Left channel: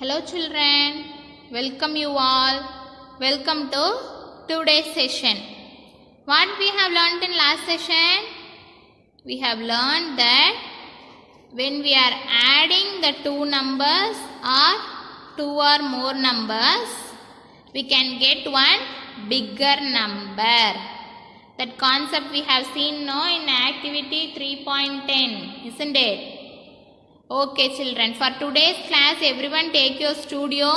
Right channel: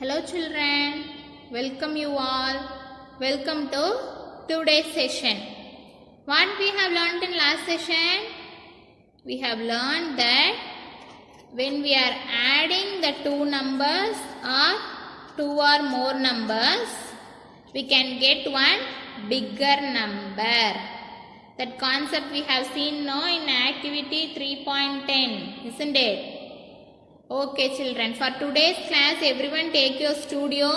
Hello children, welcome you all. Welcome to today's session. What we have learned in last session? We have learned that when we are adding the two numbers or two or more numbers, we can get one bigger number. That concept we have seen now in activity 3.10, isn't it? Okay children, for today's class everyone take your studio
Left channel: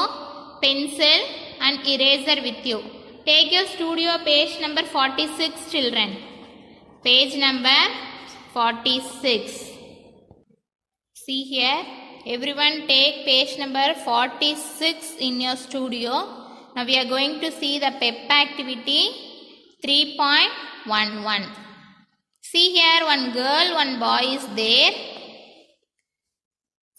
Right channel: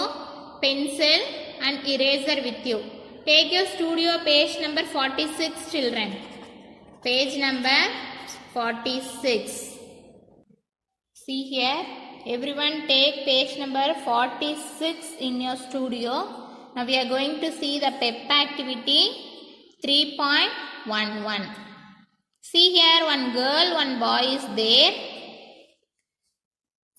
pencil and eraser with you. Take your studio page number 46 children. Page number 46. See here, everyone take page number 46 in your studio. Now we are going to see the PEP activity 3.11. See here, one girl, one boy is there.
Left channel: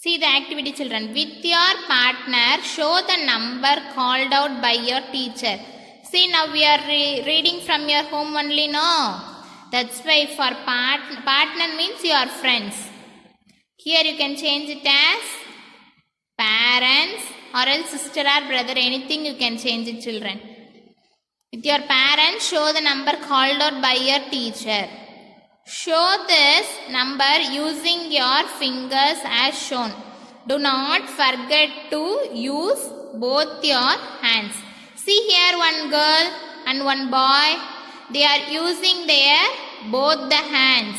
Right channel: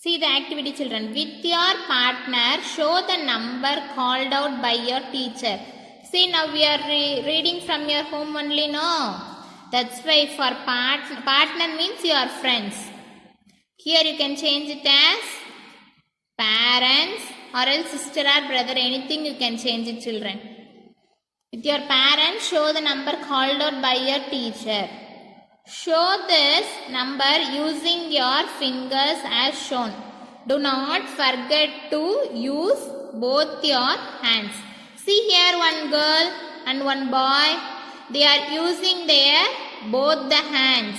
See the activity children. With your partner, show the number called out by your teacher. See now we are reading from your home only, no? That's why for partner means your friends. Here you can change it as parents or else sister or brother, anything you can change it children. With your parents, show the number called out by your teacher. Show this number using your fingers as shown. Do not forget to use both your hands. See here one girl and one boy. They are using their both the hands.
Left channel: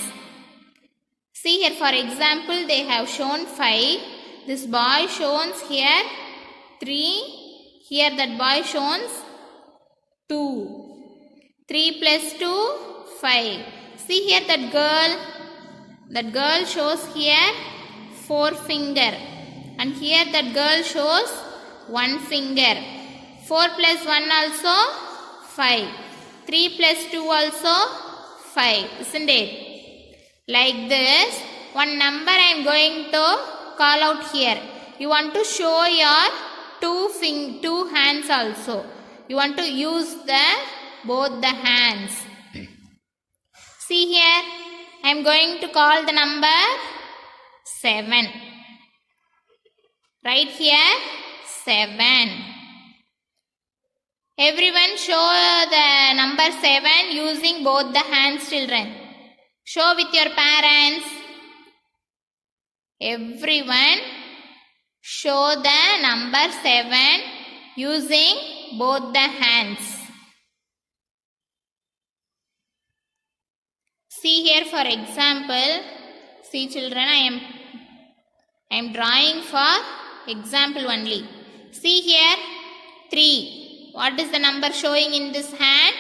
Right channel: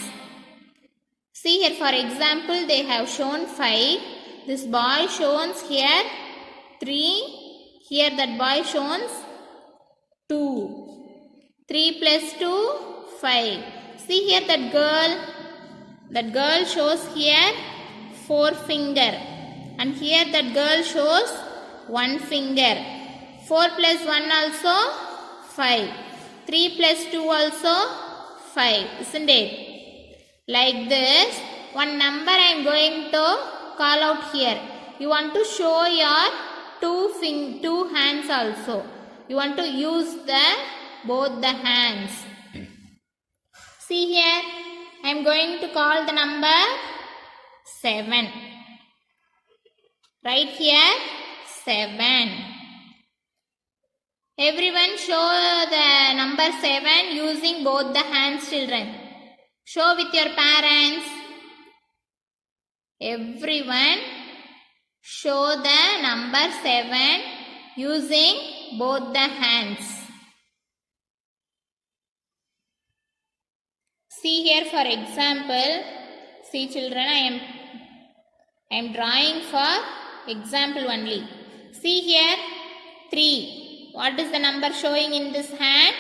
See here for example they have shown 5. This boy shows here 3. Here that boy shows 2. 3 plus 2, 5. See here that girl shows here 4 finger and here that girl shows 1 finger. 4 plus 1 also 5. 3 plus 2 also 5, isn't it? Like this, one number I am going to call out here. You want to show your two hands also. You want to use both the hands. See here, I am going to call the number 7. Right here, 7. Everyone show the number 7 using both the hands children. Show with your parents. Everyone show the number 7 using both the hands. See here for example, see children, I am drawing for example only. See here 3. What is the number showing in this hand?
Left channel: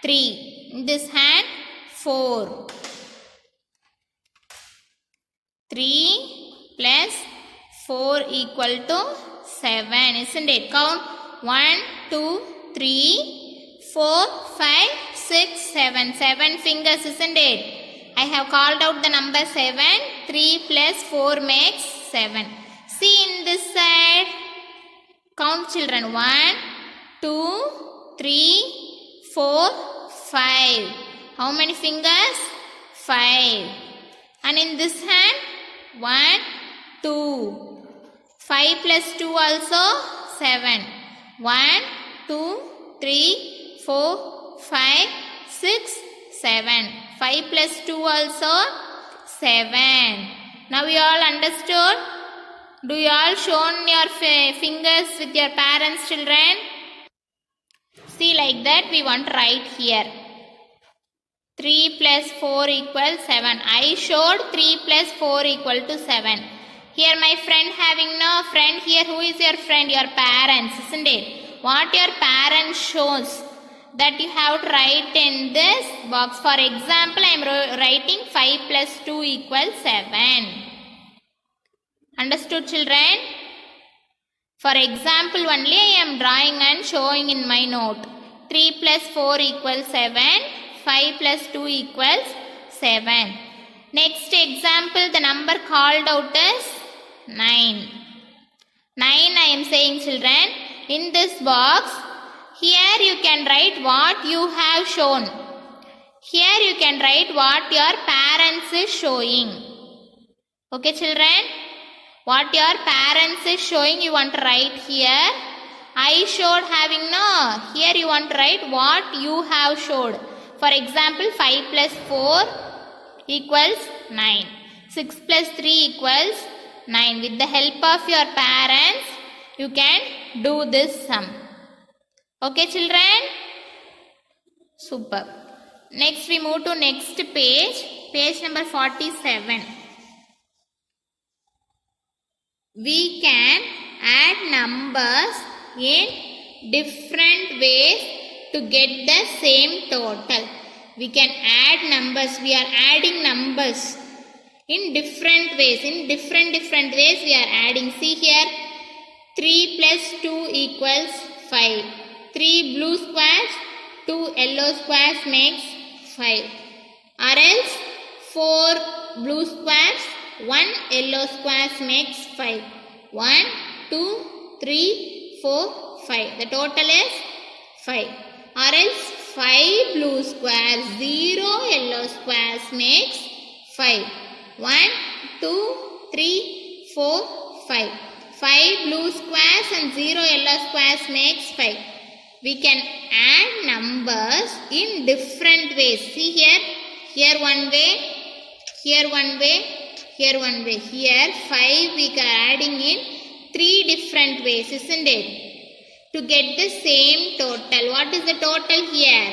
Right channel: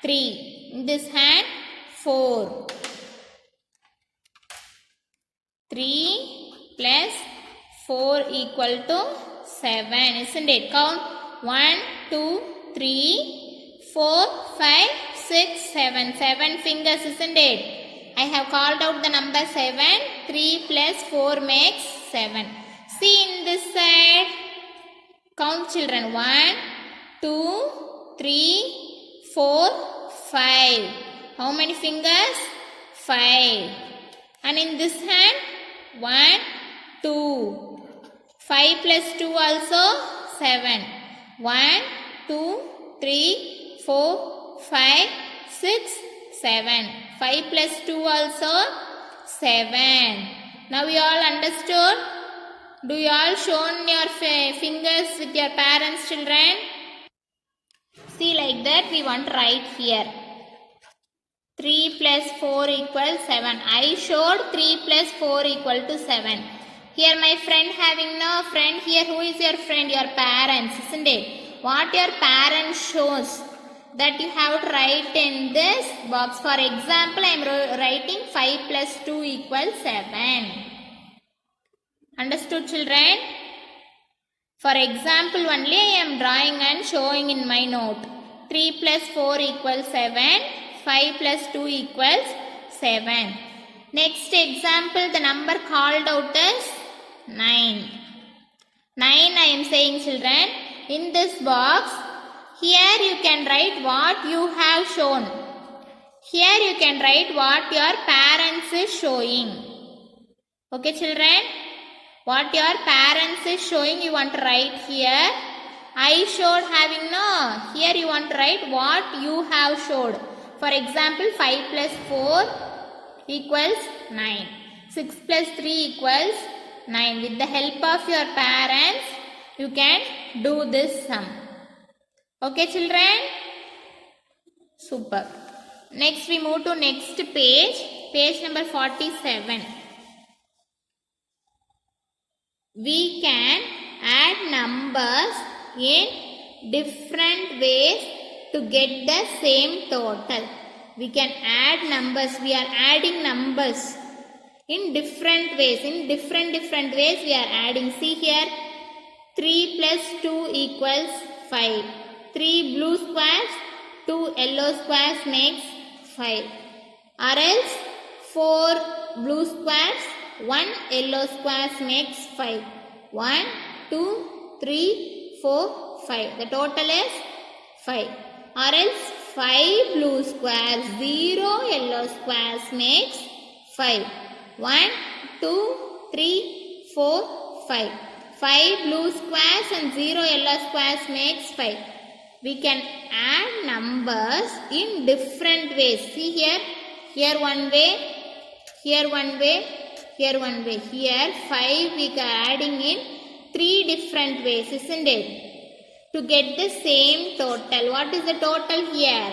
3. In this hand 4. 3 plus 4 equal to 7, isn't it? Count 1, 2, 3, 4, 5, 6, 7. 7 fingers, isn't it? I have called out the number 7. 3 plus 4 makes 7. See in this side. Count children. 1, 2, 3, 4, 5. How many fingers? 5. And in this hand, 1, 2. 5 plus 2 also 7. 1, 2, 3, 4, 5, 6, 7. 5 plus 2 also 7. Now you all understood? Do you all shown your fingers with your parents children? See like that we want to write here. 3 plus 4 equals 7. I showed 3 plus 4 equal to 7. Here my friend having no friend. Here who is your friend? Your parents, isn't it? What your parents shows that you have to write in this box. For example, I am writing 5 plus 2 equals 7. Understood children? For example only I am drawing and showing in my note. 3 plus 4 equals 7. 5 plus 2 equals 7. Next example, the number called out is 9. 9 I am saying children. In this box, here you can write what you have shown. Here you can write what your parents is showing. Okay children? What your parents is showing, you want to write here. I showed having, no. Here you want to write what you have showed. For example, 5 plus 4 equals 9. 6 plus 3 equals 9. With the help of your parents, you can do this sum. Okay, children? Super. Next we move to next page. Page number 47. We can add numbers in different ways to get the same total. We can add numbers. We are adding numbers in different ways. In different ways we are adding. See here. 3 plus 2 equals 5. 3 blue squares, 2 yellow squares makes 5. Or else 4 blue squares, 1 yellow squares makes 5. 1, 2, 3, 4, 5. The total is 5. Or else 5 blue squares, 0 yellow squares makes 5. 1, 2, 3, 4, 5. 5 blue squares and 0 yellow squares makes 5. We can add numbers in different ways. See here. Here one way. Here one way. Here one way. Here 5 we are adding in 3 different ways, isn't it? To get the same total. What is the total here?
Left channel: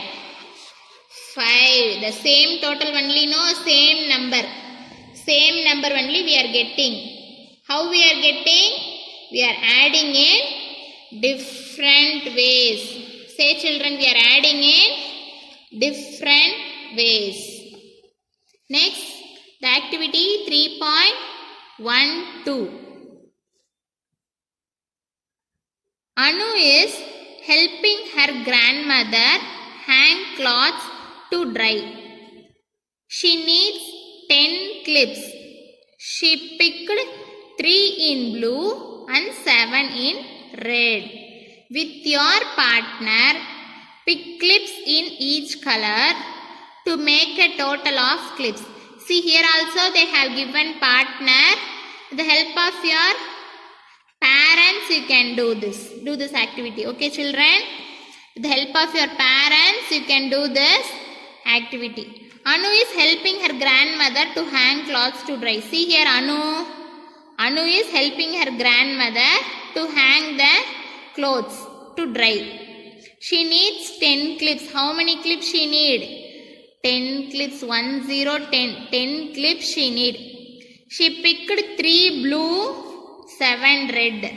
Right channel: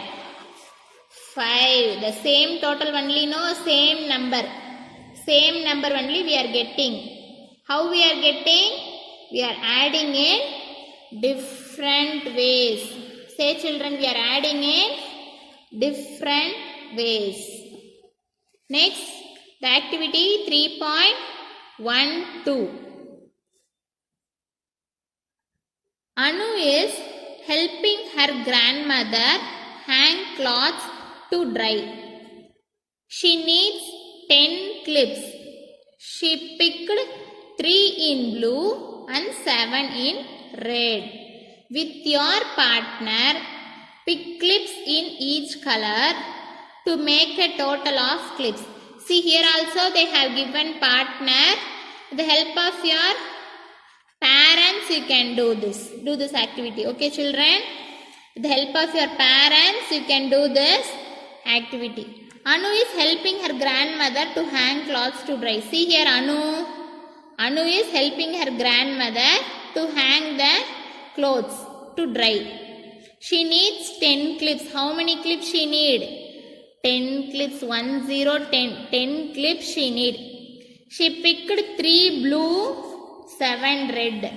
5. The same total only, no? Same number. Same number only we are getting. How we are getting? We are adding in different ways. Say children, we are adding in different ways. Next, the activity 3.12. Anu is helping her grandmother hang clothes to dry. She needs 10 clips. She picked 3 in blue and 7 in red. With your partner, pick clips in each color to make a total of clips. See here also they have given partner. With the help of your parents you can do this activity. Okay children? With the help of your parents you can do this activity. Anu is helping her grandmother to hang clothes to dry. See here Anu is helping her grandmother to hang the clothes to dry. She needs 10 clips. How many clips she need? 10 clips. 1, 0, 10. 10 clips she need. She picked 3 blue, 7 red.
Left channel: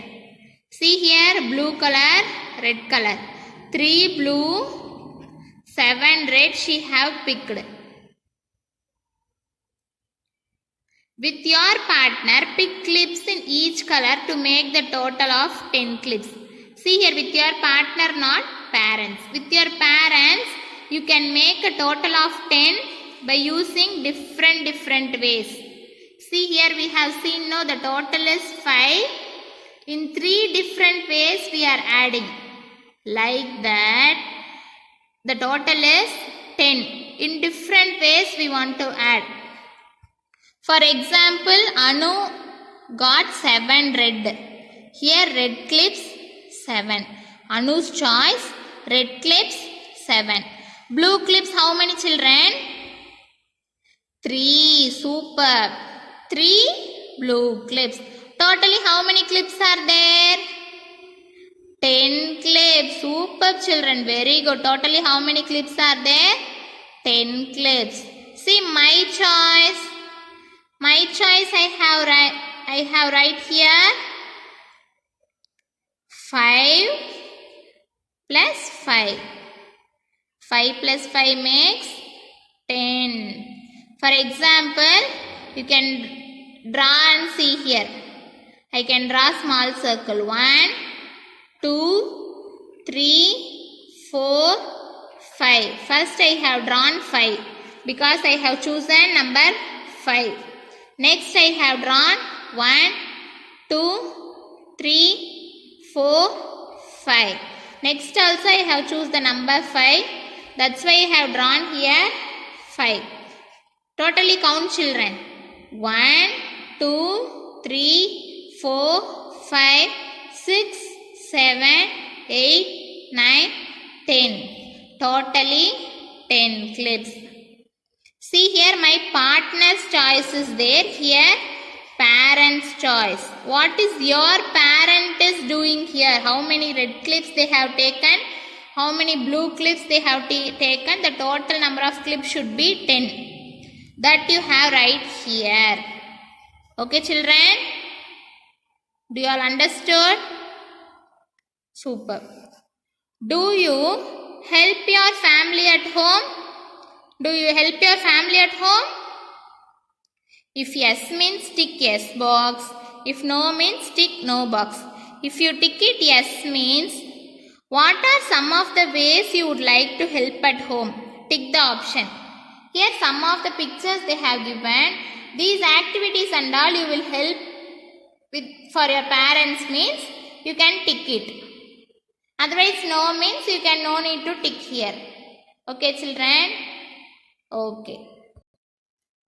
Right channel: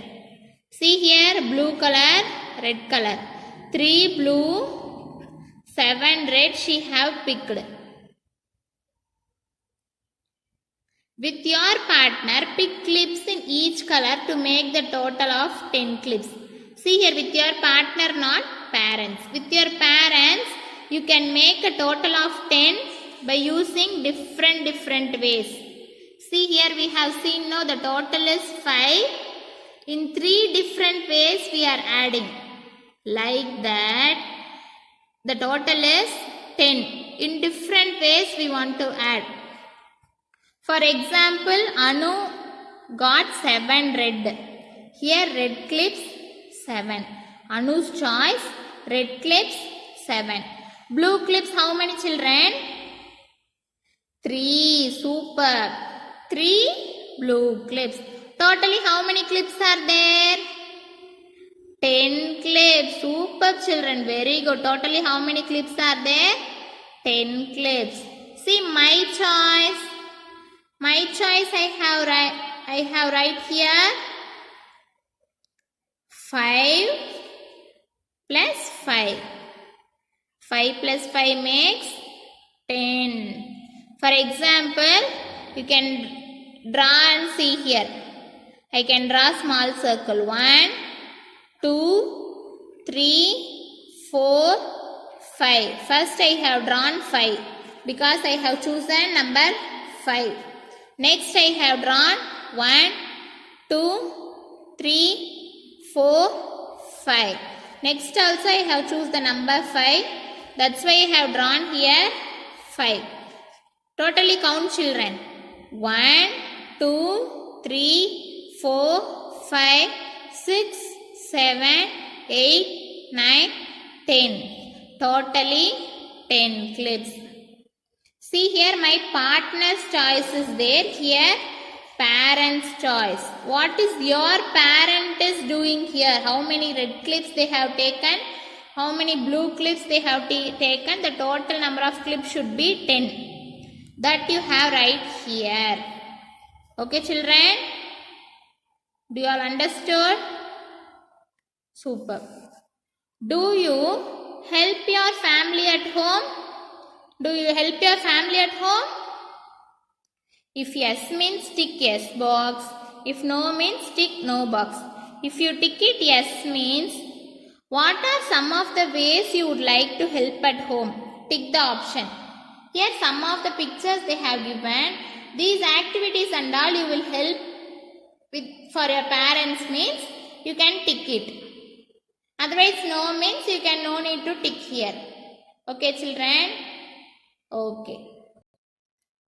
See here blue color, red color. 3 blue, 7 red she have picked. With your partner, pick clips in each color to make the total of 10 clips. See here with your partner, not parents. With your parents, you can make a total of 10 by using different ways. See here we have seen now the total is 5. In 3 different ways we are adding. Like that, the total is 10. In different ways we want to add. For example, Anu got 7 red. Here red clips 7. Anu's choice, red clips 7. Blue clips how many children? 3. Super. 3 blue clips. Totally how many clips are there? 10 clips. Super children. Very good. Totally how many clips are there? 10 clips. See my choice. My choice I have right here 5 plus 5. 5 plus 5 makes 10. For example, you can draw and see here. I can draw small circle. 1, 2, 3, 4, 5. First I have drawn 5 because I have chosen number 5. Next I have drawn 1, 2, 3, 4, 5. Next also I have chosen the number 5. That's why I have drawn here 5. Totally count children. 1, 2, 3, 4, 5, 6, 7, 8, 9, 10. Totally 10 clips. See here, my partner's choice is there. Here, parent's choice. What is your parent is doing here? How many red clips they have taken? How many blue clips they have taken? The total number of clips should be 10. That you have right here. Okay, children? Do you all understood? Super. Do you help your family at home? Do you help your family at home? If yes means tick yes box. If no means tick no box. If you tick it yes means what are some of the ways you would like to help at home? Tick the option. Here some of the pictures they have given. These activities and all you will help with for your parents means you can tick it. Otherwise no means you can no need to tick here. Okay children? Okay.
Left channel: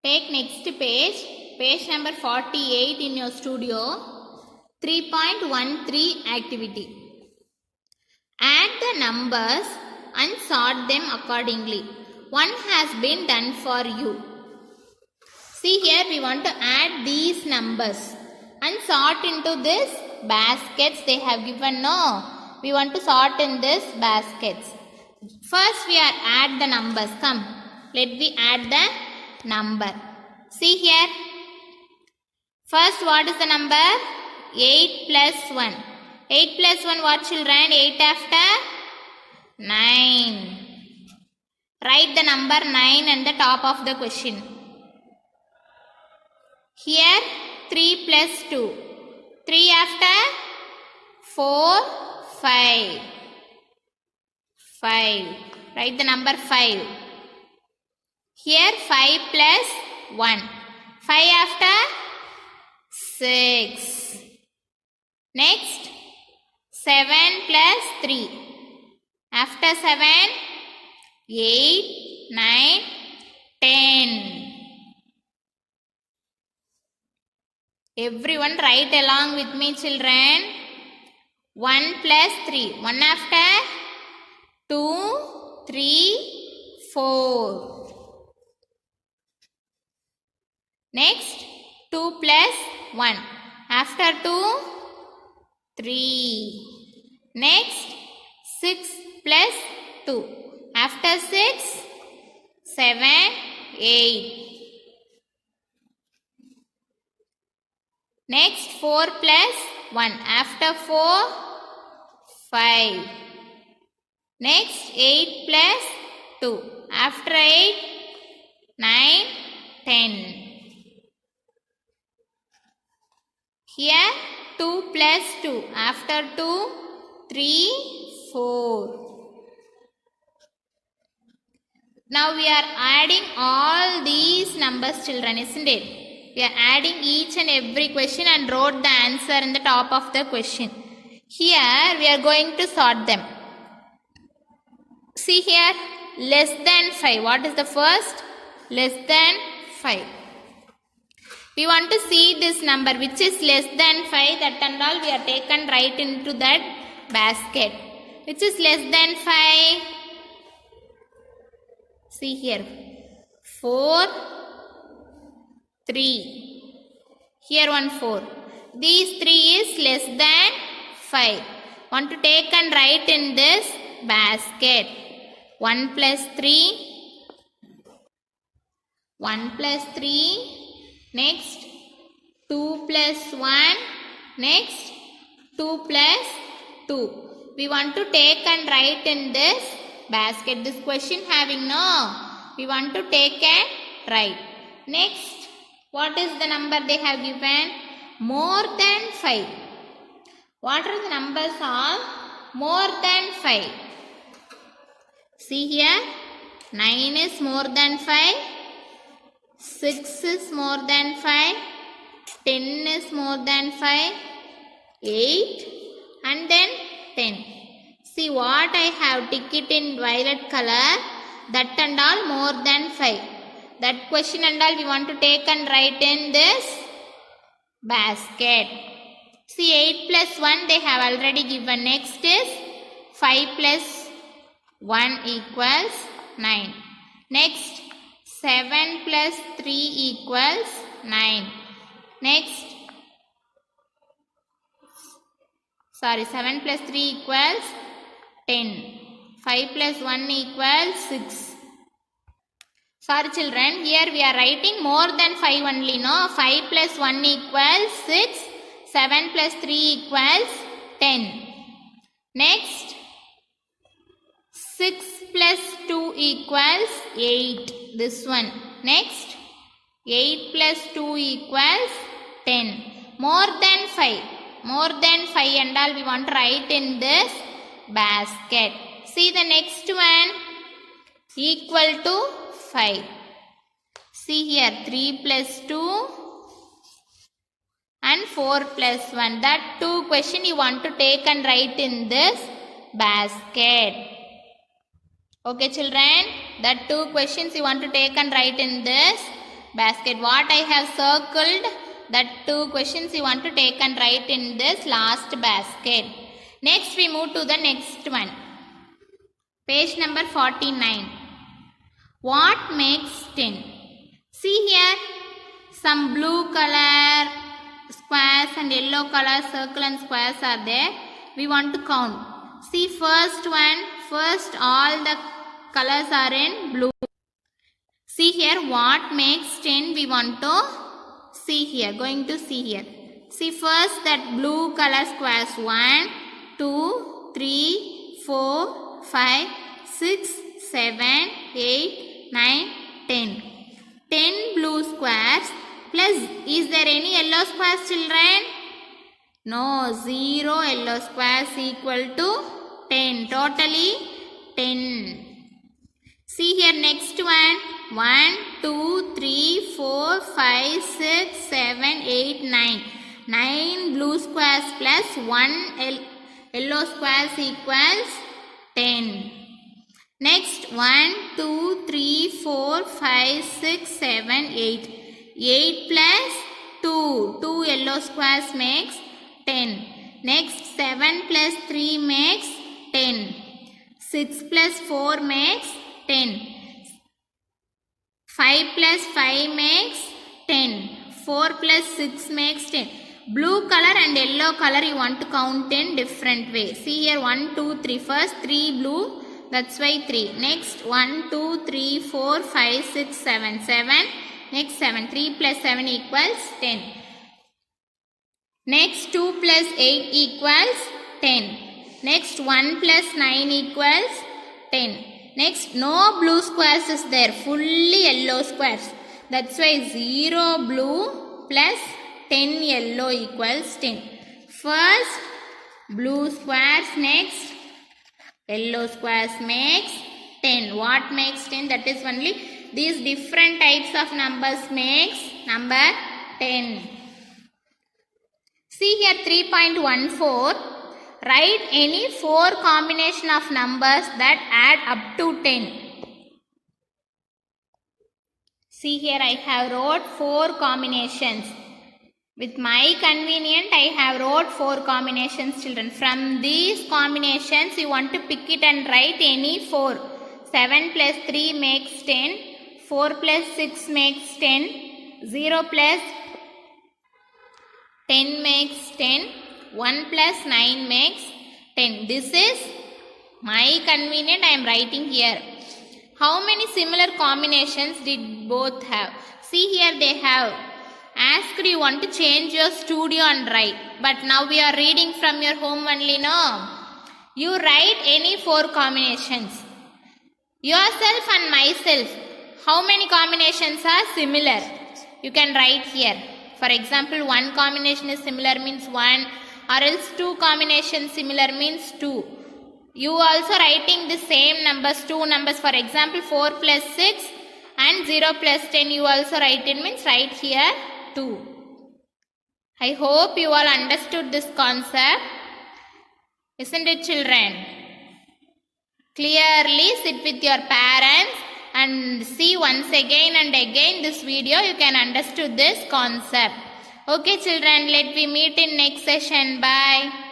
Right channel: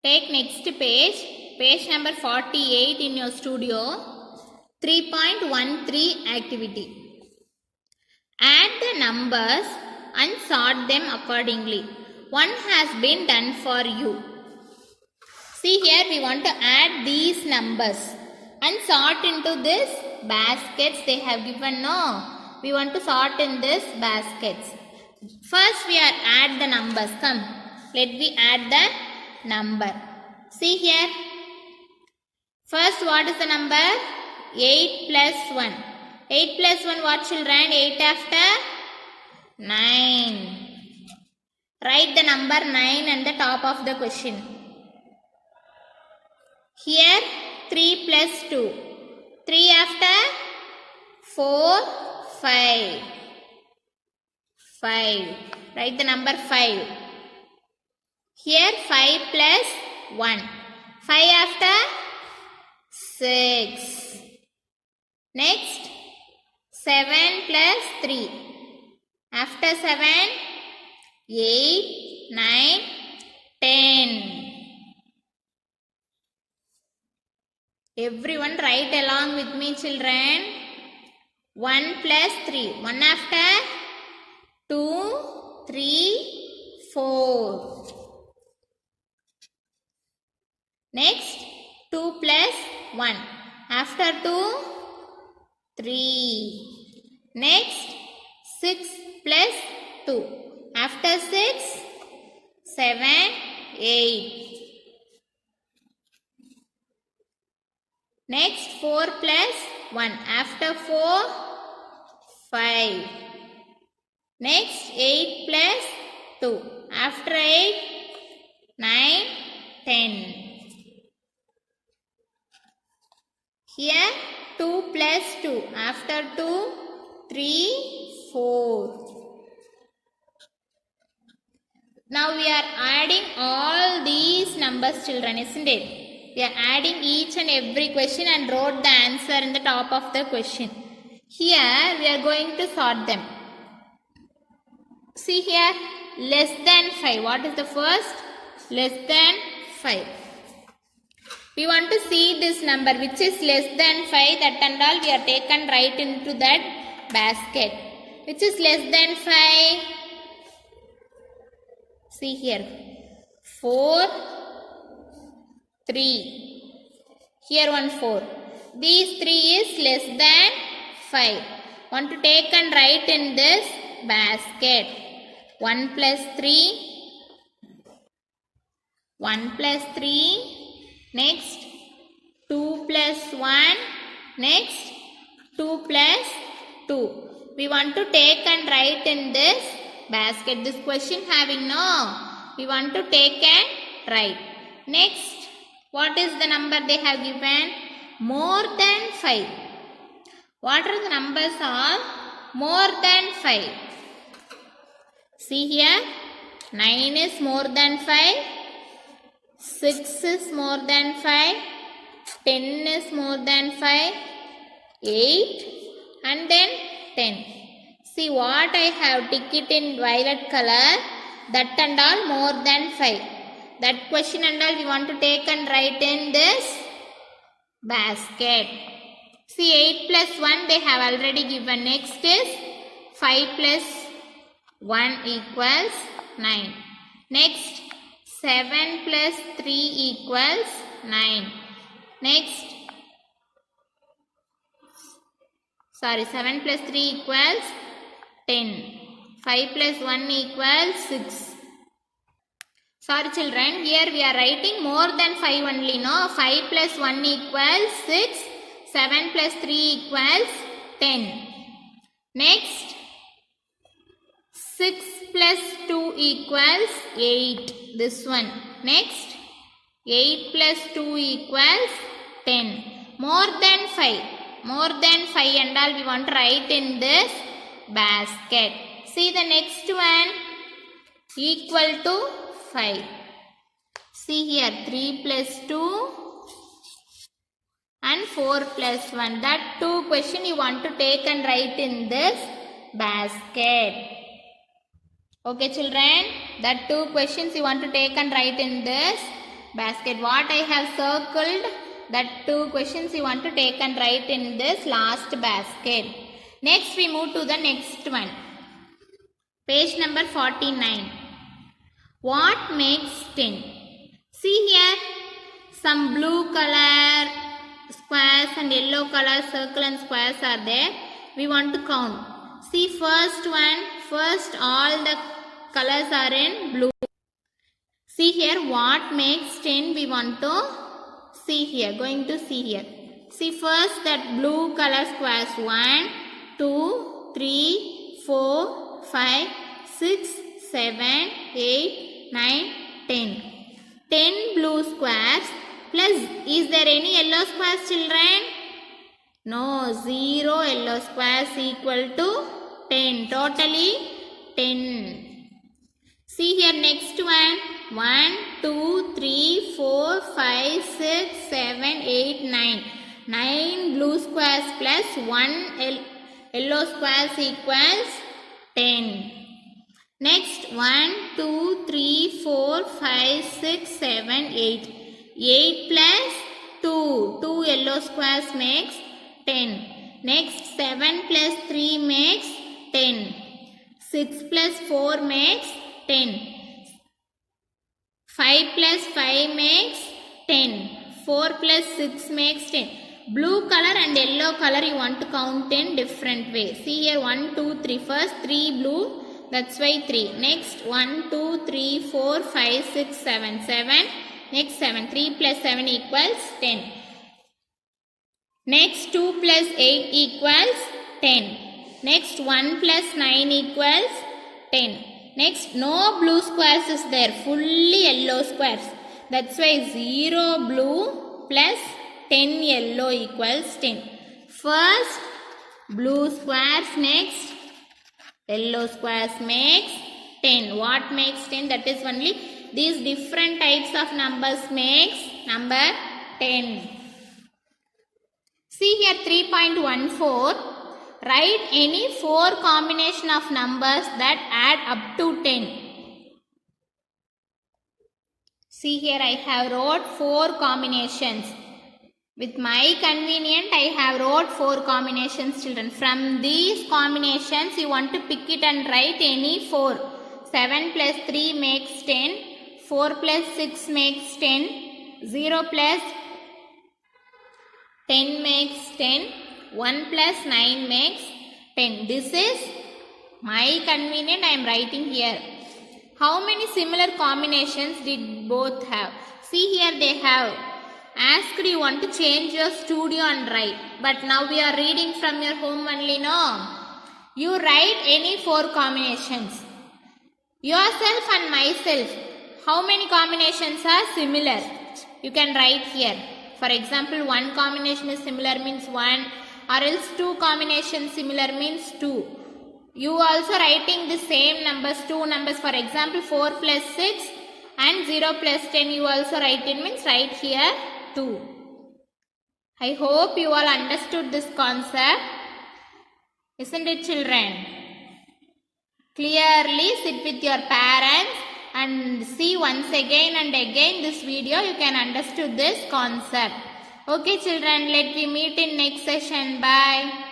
Take next page. Page number 48 in your studio. 3.13 activity. Add the numbers and sort them accordingly. One has been done for you. See here we want to add these numbers and sort into this baskets they have given. No, we want to sort in this baskets. First we are add the numbers. Come, let me add the number. See here. First what is the number? 8 plus 1. 8 plus 1 what children? 8 after 9. Write the number 9 at the top of the question. Here 3 plus 2. 3 after 4, 5. 5. Write the number 5. Here 5 plus 1. 5 after 6. Next 7 plus 3. After 7, 8, 9, 10. Everyone write along with me children. 1 plus 3. 1 after 2, 3, 4. Next 2 plus 1. After 2, 3. Next 6 plus 2. After 6, 7, 8. Next 4 plus 1. After 4, 5. Next 8 plus 2. After 8, 9, 10. Here 2 plus 2. After 2, 3, 4. Now we are adding all these numbers children, isn't it? We are adding each and every question and wrote the answer in the top of the question. Here we are going to sort them. See here, less than 5. What is the first? Less than 5. We want to see this number which is less than 5. That and all we are taken right into that basket. Which is less than 5? See here. 4, 3. Here one 4. These 3 is less than 5. Want to take and write in this basket. 1 plus 3. 1 plus 3. Next 2 plus 1. Next 2 plus 2. We want to take and write in this basket. This question having no. We want to take and write. Next, what is the number they have given? More than 5. What are the numbers all? More than 5. See here. 9 is more than 5. 6 is more than 5. 10 is more than 5. 8 and then 10. See what I have ticked it in violet color. That and all more than 5. That question and all we want to take and write in this basket. See, 8 plus 1 they have already given. Next is 5 plus 1 equals 9. Next, 7 plus 3 equals 9. Next, 7 plus 3 equals 10. 5 plus 1 equals 6. Sorry children, here we are writing more than 5 only, no? 5 plus 1 equals 6. 7 plus 3 equals 10. Next, 6 plus 2 equals 8. This one. Next, 8 plus 2 equals 10. More than 5. More than 5 and all we want to write in this basket. See the next one. Equal to 5. See here, 3 plus 2 and 4 plus 1. That two question you want to take and write in this basket. Okay children, that two questions you want to take and write in this basket. What I have circled, that two questions you want to take and write in this last basket. Next we move to the next one. Page number 49. What makes 10? See here, some blue color squares and yellow color circle and squares are there. We want to count. See first one, first all the colors are in blue. See here, what makes 10 we want to see here, going to see here. See first that blue color squares 1, 2, 3, 4, 5, 6, 7, 8, 9, 10. 10 blue squares plus, is there any yellow squares children? No, 0 yellow squares equal to 10. Totally 10. See here next one. 1, 2, 3, 4, 5, 6, 7, 8, 9. 9 blue squares plus 1 yellow squares equals 10. Next 1, 2, 3, 4, 5, 6, 7, 8. 8 plus 2. 2 yellow squares makes 10. Next 7 plus 3 makes 10. 6 plus 4 makes 10. 5 plus 5 makes 10. 4 plus 6 makes 10. Blue color and yellow color you want to count in different way. See here 1, 2, 3. First 3 blue. That's why 3. Next 1, 2, 3, 4, 5, 6, 7. 7. Next 7. 3 plus 7 equals 10. Next 2 plus 8 equals 10. Next 1 plus 9 equals 10. Next no blue squares is there. Fully yellow squares. That's why 0 blue plus 10 yellow equals 10. First blue squares, next yellow squares makes 10. What makes 10? That is only these different types of numbers makes number 10. See here 3.14. Write any 4 combination of numbers that add up to 10. See here I have wrote 4 combinations. With my convenience I have wrote 4 combinations children. From these combinations you want to pick it and write any 4. 7 plus 3 makes 10. 4 plus 6 makes 10. 0 plus 10 makes 10. 1 plus 9 makes 10. This is my convenient I am writing here. How many similar combinations did both have? See here they have asked you want to change your studio and write. But now we are reading from your home only, no? You write any 4 combinations. Yourself and myself. How many combinations are similar? You can write here. For example, 1 combination is similar means 1. Or else 2 combinations similar means 2. You also writing the same numbers, 2 numbers. For example, 4 plus 6 and 0 plus 10 you also write it means write here 2. I hope you all understood this concept. Isn't it children? Clearly sit with your parents and see once again and again this video. You can understood this concept. Okay children, let we meet in next session. Bye.